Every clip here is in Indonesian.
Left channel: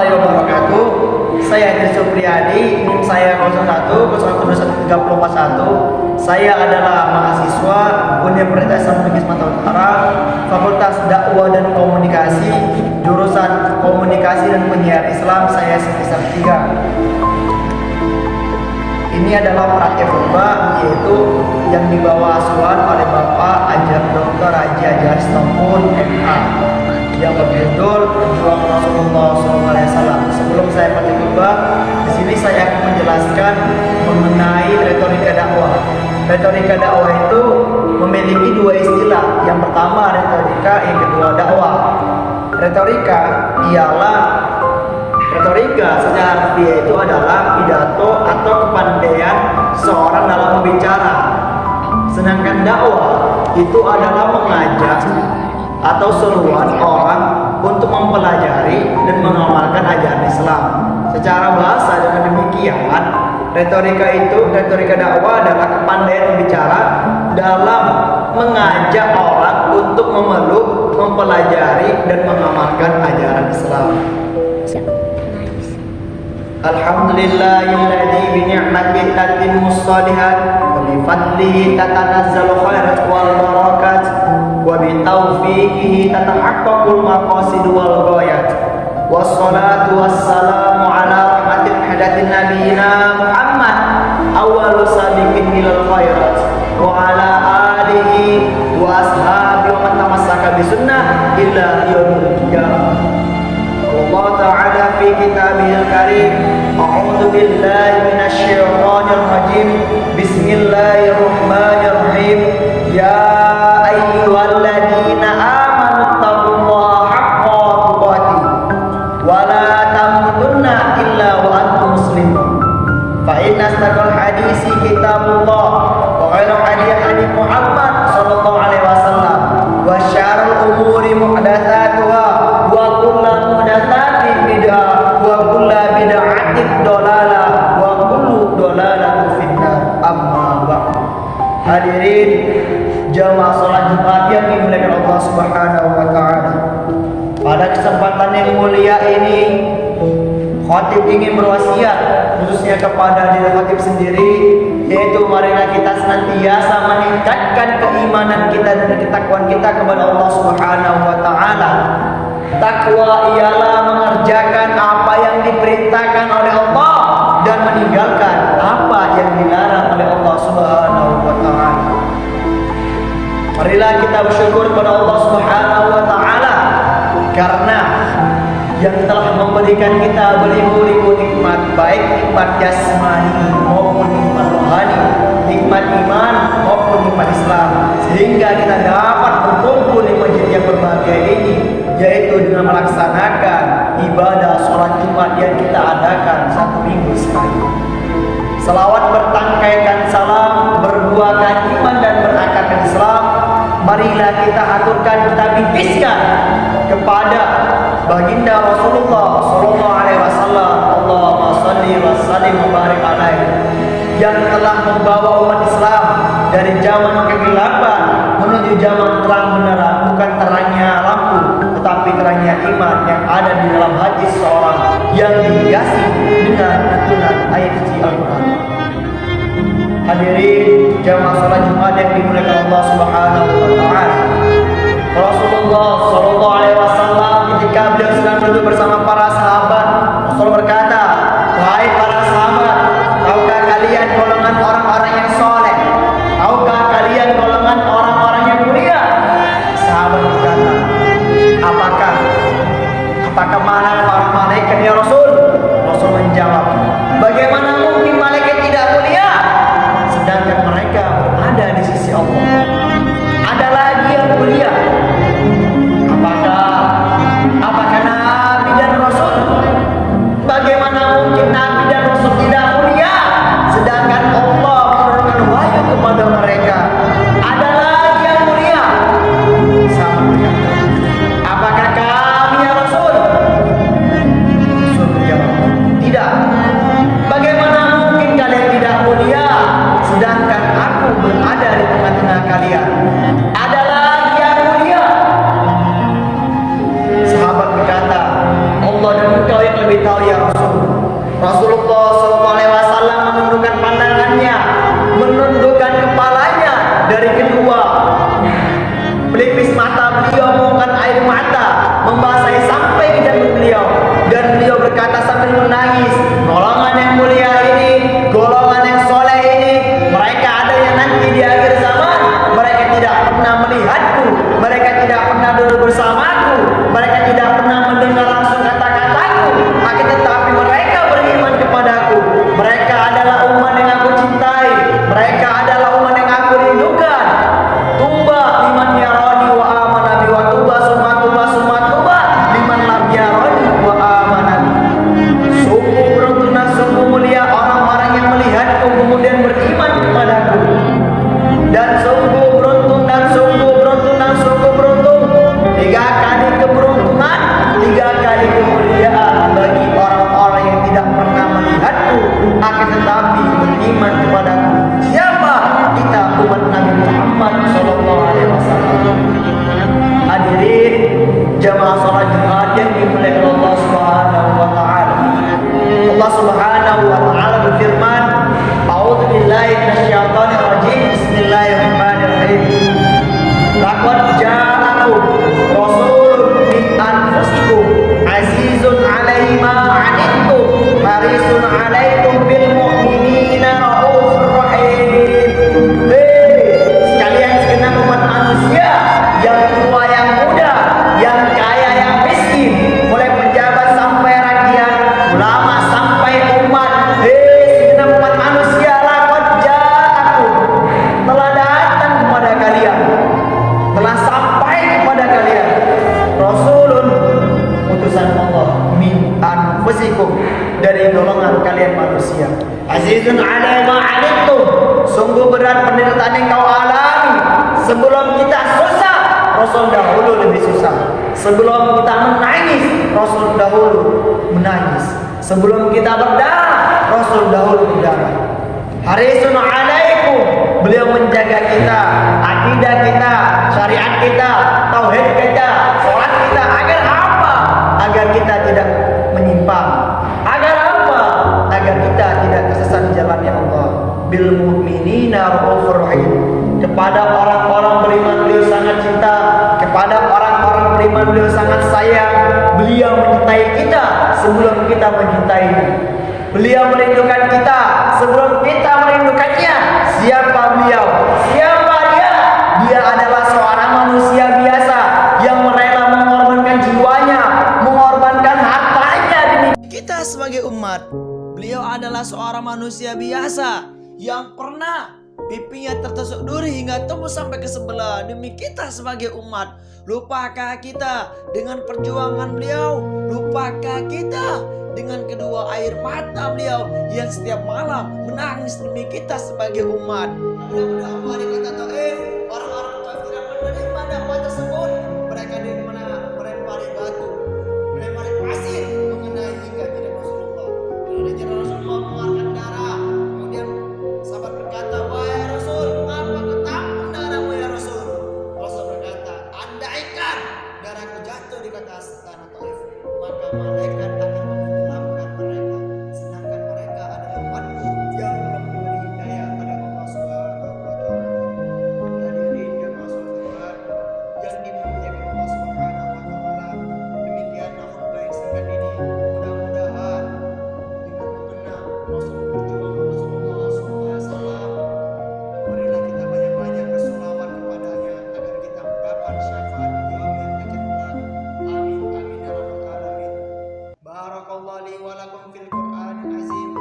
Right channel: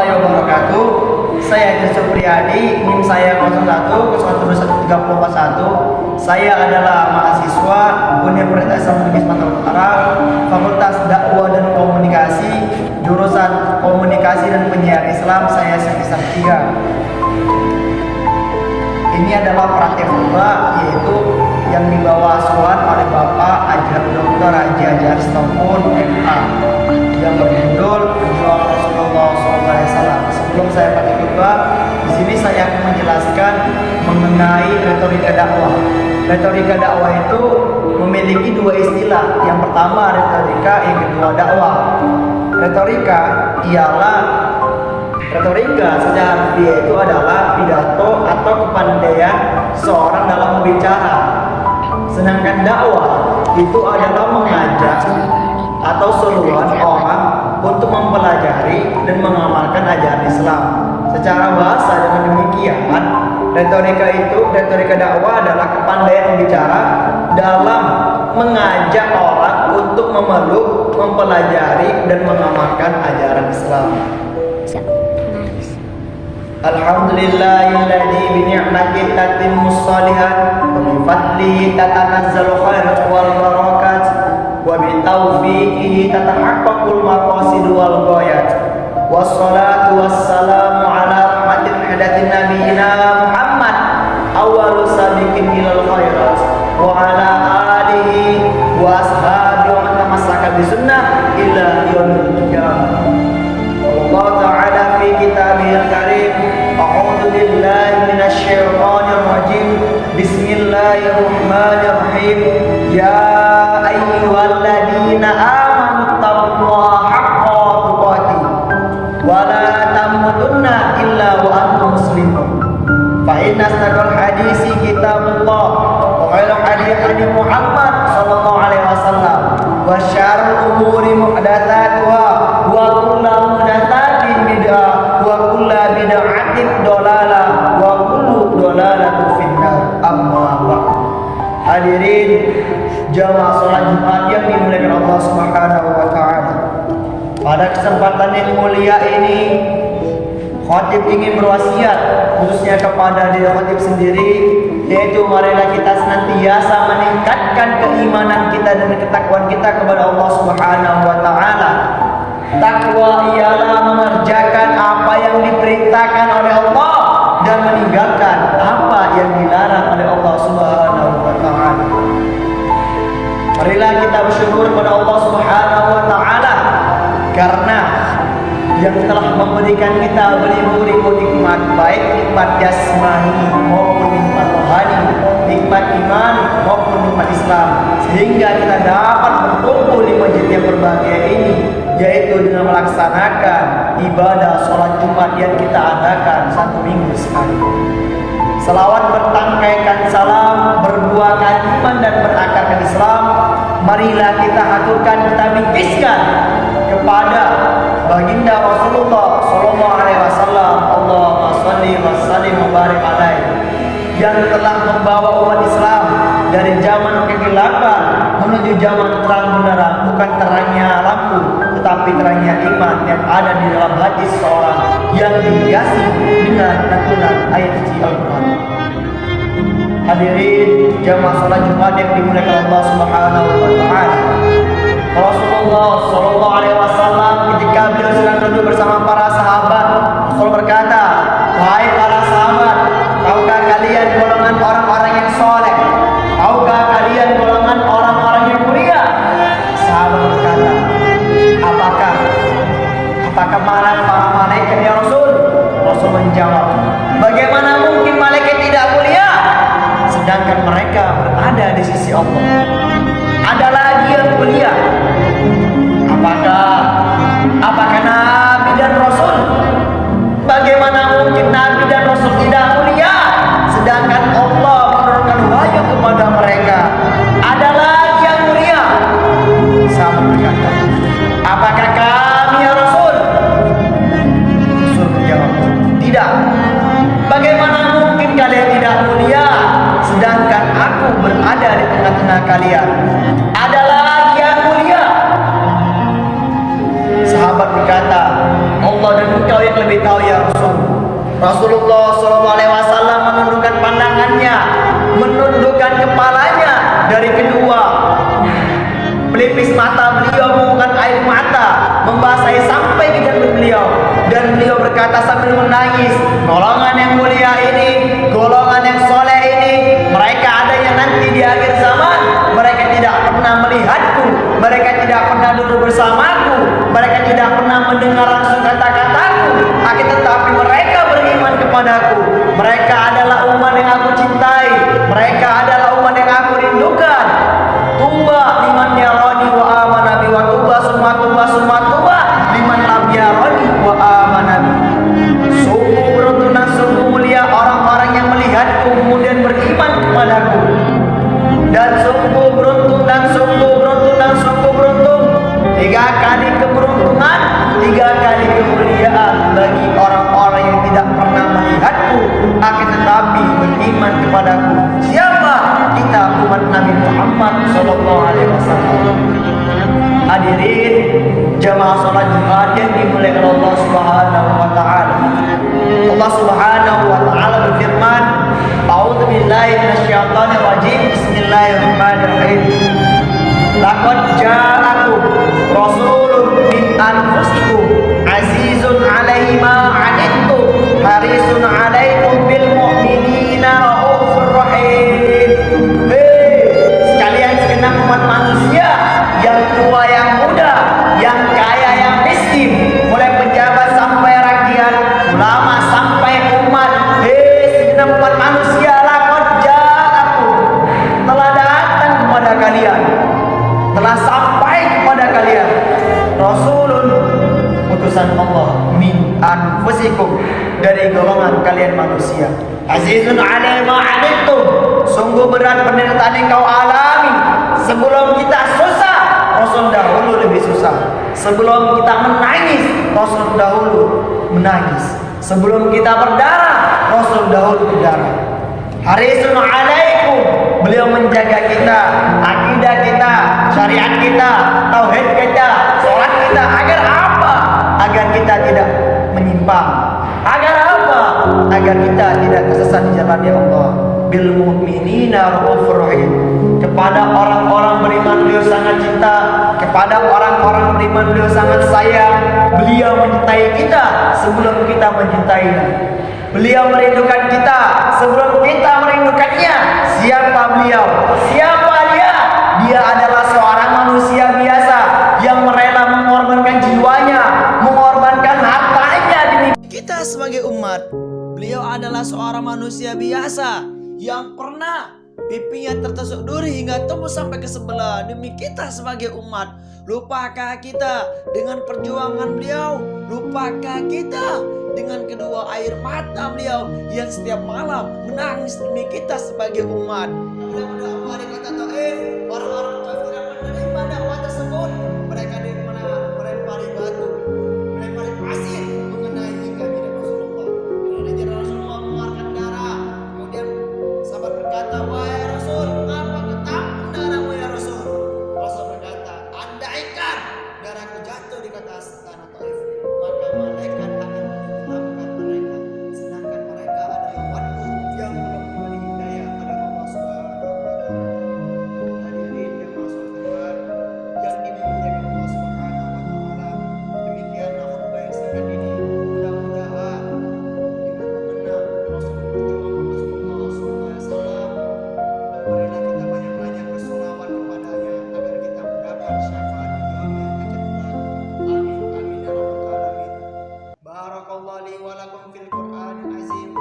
warahmatullahi wabarakatuh. Saya Idris Supriyadi, NIM saya 01121341. Saya adalah mahasiswa Universitas Islam Negeri Sumatera Utara, Fakultas Dakwah dan Komunikasi, jurusan Komunikasi dan Penyiaran Islam. Saya semester 3. Ini adalah pratipurba, yaitu yang dibawa asuhan oleh Bapak Dr. Haji Ajaris Tompun MA, yang berjudul Perjuangan Rasulullah SAW. Sebelum saya pratipurba, di sini saya akan menjelaskan mengenai retorika dakwah. Retorika dakwah itu memiliki dua istilah. Yang pertama retorika, yang kedua dakwah. Retorika secara harfiah itu adalah pidato atau kepandaian seorang dalam berbicara. Sedangkan dakwah itu adalah mengajak atau seruan orang untuk mempelajari dan mengamalkan ajaran Islam. Secara bahasa dengan demikian, retorika dakwah adalah kepandaian berbicara dalam mengajak orang untuk memeluk, mempelajari dan mengamalkan ajaran Islam. Alhamdulillahilladzi bi ni'matihi tatimmus shalihat wa bi fadlihi tatanazzalu khairat wal barakat wa bi taufiqihi tatahaqqaqul maqasid wal ghayat. Wassalatu wassalamu ala rahmatil hadatin nabiyina Muhammad awwalu sabiqin ilal khairat wa ala alihi wa ashabihi wa man tamassaka bi sunnah ila yaumil qiyamah. Allah Ta'ala fi kitabihil karim. A'udzu billahi minasyaitonir rajim. Bismillahirrahmanirrahim. Ya ayyuhalladzina amanu taqullaha haqqa tuqatih wa la tamutunna illa wa antum muslimun. Fa inna asdaqal hadisi kitabullah wa khairal hadi Muhammad sallallahu alaihi wasallam wa syarrul umuri muhdatsatuha wa kullu muhdatsatin bid'ah wa kullu bid'atin dhalalah wa kullu dhalalatin finnar. Amma ba'd. Hadirin jamaah salat Jumat yang dimuliakan Allah Subhanahu wa taala. Pada kesempatan yang mulia ini, khatib ingin berwasiat khususnya kepada diri khatib sendiri, yaitu marilah kita senantiasa meningkatkan keimanan kita dan ketakwaan kita kepada Allah Subhanahu wa taala. Takwa ialah mengerjakan apa yang diperintahkan oleh Allah dan meninggalkan apa yang dilarang oleh Allah Subhanahu wa taala. Marilah kita bersyukur kepada Allah Subhanahu wa taala karena yang telah memberikan kita beribu-ribu nikmat, baik nikmat jasmani maupun nikmat rohani, nikmat iman maupun nikmat Islam, sehingga kita dapat berkumpul di masjid yang berbahagia ini, yaitu dengan melaksanakan ibadah sholat Jumat yang kita adakan satu minggu sekali. Selawat bertangkaikan salam, berbuahkan iman dan berakarkan Islam. Marilah kita haturkan, kita bingkiskan kepada baginda Rasulullah sallallahu alaihi wasallam. Allahumma shalli wa sallim wa barik alaihi, yang telah membawa umat Islam dari zaman kegelapan menuju zaman terang benderang, bukan terangnya lampu tetapi terangnya iman yang ada di dalam hati seseorang yang dihiasi dengan lantunan ayat suci Al-Qur'an. Hadirin jamaah salat Jumat yang dimuliakan Allah Subhanahu wa taala. Rasulullah sallallahu alaihi wasallam ketika beliau sedang duduk bersama para sahabat, Rasul berkata, "Wahai para sahabat, tahukah kalian golongan orang-orang yang soleh? Tahukah kalian golongan orang-orang yang mulia?" Sahabat berkata, Apakah para malaikat ya Rasul? Rasul menjawab, "Bagaimana mungkin malaikat tidak mulia? Sedangkan mereka berada di sisi Allah. Ada lagi yang mulia. Apakah Nabi dan Rasul? Bagaimana mungkin Nabi dan Rasul tidak mulia? Sedangkan Allah menurunkan wahyu kepada mereka. Ada lagi yang mulia." Sahabat berkata, "Apakah kami ya Rasul?" Rasul menjawab, "Tidak. Bagaimana mungkin kalian tidak mulia sedangkan aku berada di tengah-tengah kalian? Ada lagi yang mulia." engkau yang lebih tahu ya Rasul. Rasulullah SAW menundukkan pandangannya, menundukkan kepalanya dari kedua pelipis mata beliau, mengeluarkan air mata membasahi sampai ke janggut beliau, dan beliau berkata sambil menangis, golongan yang mulia ini, golongan yang soleh ini, mereka adanya nanti di akhir zaman. Mereka tidak pernah melihatku, mereka tidak pernah duduk bersamaku, mereka tidak pernah mendengar langsung kata-kataku, akan tetapi mereka beriman kepadaku. Mereka adalah umat yang aku cintai, mereka adalah umat yang aku rindukan. Tuba liman yarani wa amana bi, wa tuba summa tuba summa tuba liman lam yarani wa amana bi. Sungguh beruntung dan sungguh mulia orang-orang yang melihatku kemudian beriman kepadaku. Dan sungguh beruntung dan sungguh beruntung dan sungguh beruntung, 3 kali keberuntungan, 3 kali kemuliaan bagi orang-orang yang tidak pernah melihatku akan tetapi beriman kepadaku. Siapa? Kita umat Nabi Muhammad SAW. Hadirin jamaah salat Jumat yang dimuliakan Allah Subhanahu wa taala. Allah Subhanahu wa taala berfirman, "A'udzu billahi minasyaitonir rajim. Bismillahirrahmanirrahim. Laqad ja'akum rasulun min anfusikum azizun 'alaihi ma 'anittum harisun 'alaikum bil mu'minina raufur rahim." Sekalian segenap umat manusia, yang tua yang muda, yang kaya yang miskin, mulai pejabat sampai rakyat, ulama sampai umat, segenap umat manusia, laqad ja'akum, telah datang kepada kalian, telah sampai kepada kalian, rasulun, utusan Allah, min anfusikum, dari golongan kalian manusia, azizun 'alaihi ma 'anittum, sungguh berat penderitaan yang kau alami. Sebelum kita susah, Rasul dahulu lebih susah. Sebelum kita menangis, Rasul dahulu menangis. Sebelum kita berdarah, Rasul dahulu berdarah. Harisun 'alaikum, beliau menjaga kita, akidah kita, syariat kita, tauhid kita, sholat kita. Agar apa? Agar kita tidak menyimpang. Agar apa? Agar kita tidak tersesat di jalan ya Allah. Bil mu'minina raufur rahim. Kepada orang-orang beriman beliau sangat cinta, kepada orang-orang beriman beliau sangat sayang. Beliau menyintai kita sebelum kita mencintainya. Beliau merindukan kita sebelum kita merindukannya. Siapa beliau? Siapa dia? Dia adalah seorang manusia biasa yang rela mengorbankan jiwanya, mengorbankan hartanya demi kita sebagai umat. Beliau adalah seorang manusia biasa yang pernah pipinya tertusuk duri hingga tembus sampai ke sebelah demi kita sebagai umat. Lupakah kita dengan perjuangan beliau? Lupakah kita dengan kedua air mata beliau yang setiap malam menangis demi kita sebagai umat? Mudah-mudahan hari kata Taif, orang-orang Taif tidak menerima dakwah tersebut. Mereka melempari batu, melempari pasir mengenai hingga tidak Rasulullah. Lalu jalan Rasulullah mengeluarkan darah. Kemudian sahabat berkata, "Wahai Rasul, mengapa ketampung darahmu ya Rasul?" Rasul berkata, "Andaikan darahku jatuh di atas tanah Taif, maka malaikat akan menenggelamkan mereka, sedangkan mereka adalah umatku yang belum diberi hidayah pada Allah Subhanahu wa taala." Hadirin jemaah salat yang dimuliakan Allah Subhanahu wa taala, demikianlah khutbah yang singkat ini. Mudah-mudahan dengan mengenang Rasul berjuang Rasulullah SAW, marilah kita banyak-banyak bersolawat kepadanya agar kita mendapat syafaat di yaumil akhir. Amin amin ya rabbal alamin. Barakallahu li wa lakum fil Qur'anil azim wa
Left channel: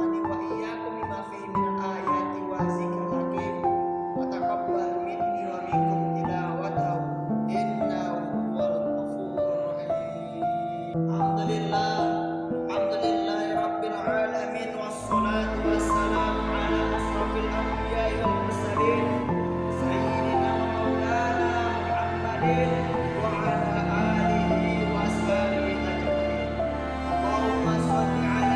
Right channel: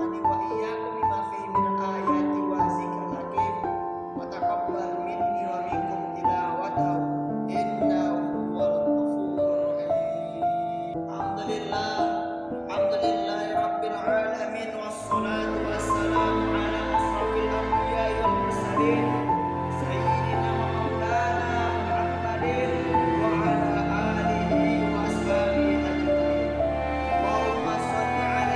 nafa'ani wa iyyakum bima fihi minal ayati wa zikril hakim wa taqabbal minni wa minkum tilawatahu innahu huwal ghafurur rahim. Alhamdulillah, alhamdulillahi rabbil alamin, wassalatu wassalamu ala asrafil anbiya'i wal mursalin sayyidina wa maulana Muhammadin wa ala alihi wa ashabihi ajmain. Allahumma shalli ala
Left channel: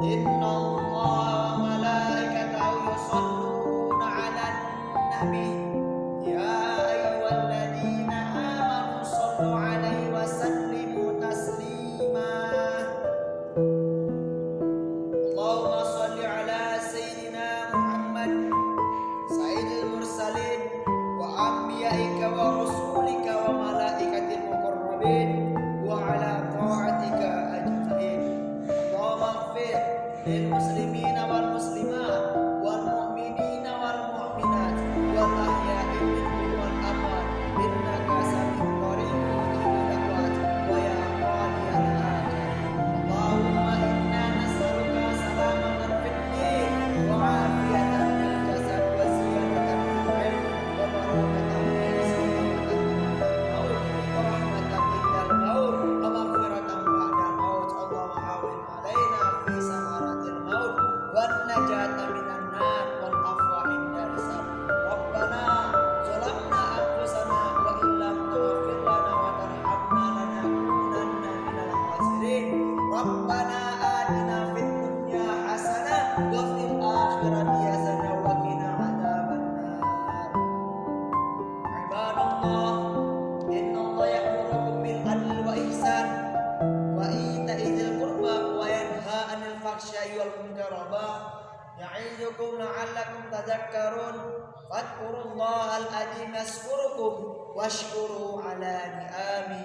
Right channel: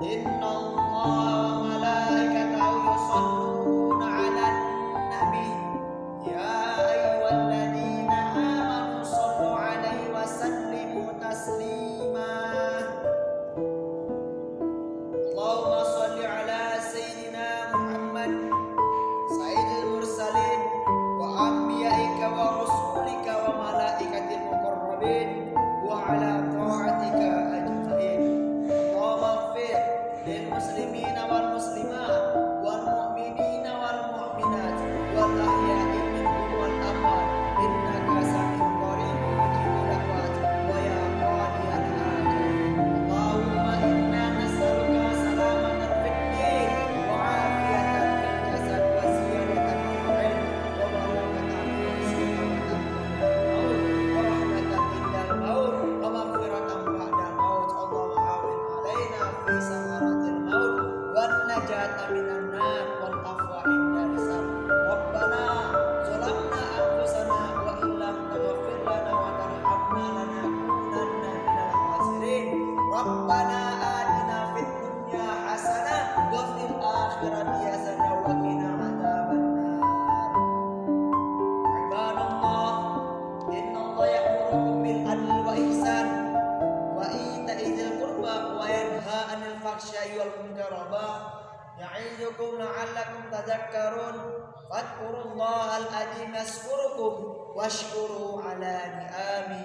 Innallaha wa malaikatahu yusholluna 'alan nabi ya ayyuhalladzina amanu shollu 'alaihi wa sallimu taslima. Allahumma sholli 'ala sayyidina Muhammad sayyidil mursalin wa anbiya'ika wa rusulika wa malaikatil muqarrabin wa 'ala ta'atika ajma'in. Allahumma ighfir lil muslimina wal muslimat wal mu'minina wal mu'minat wal ahya'i minhum wal amwat innaka sami'un qaribun mujibud da'wat wa ya qadiyal hajat. Allahumma inna nas'aluka salamatan fid din wa 'afiyatan fil jasad wa ziyadatan fil ilm wa barakatan fil rizqi wa maut wa rahmatan indal maut wa maghfiratan ba'dal maut. Allahumma hawwin 'alaina fi sakaratil maut wan najata minan nar wal afwa inda hisab. Rabbana zalamna anfusana wa illam taghfir lana wa tarhamna lanakunanna minal khasirin. Rabbana atina fid dunya hasanah wa fil akhirati hasanah wa qina adzabannar. Ibadallah, innallaha ya'murukum bil adli wa ihsan wa ita'i dzil qurba wa yanha 'anil fahsya'i wal munkari wal baghi ya'idukum la'allakum tadhakkarun. Fadhkurullahal adzim yazkurukum washkuru 'ala ni'amihi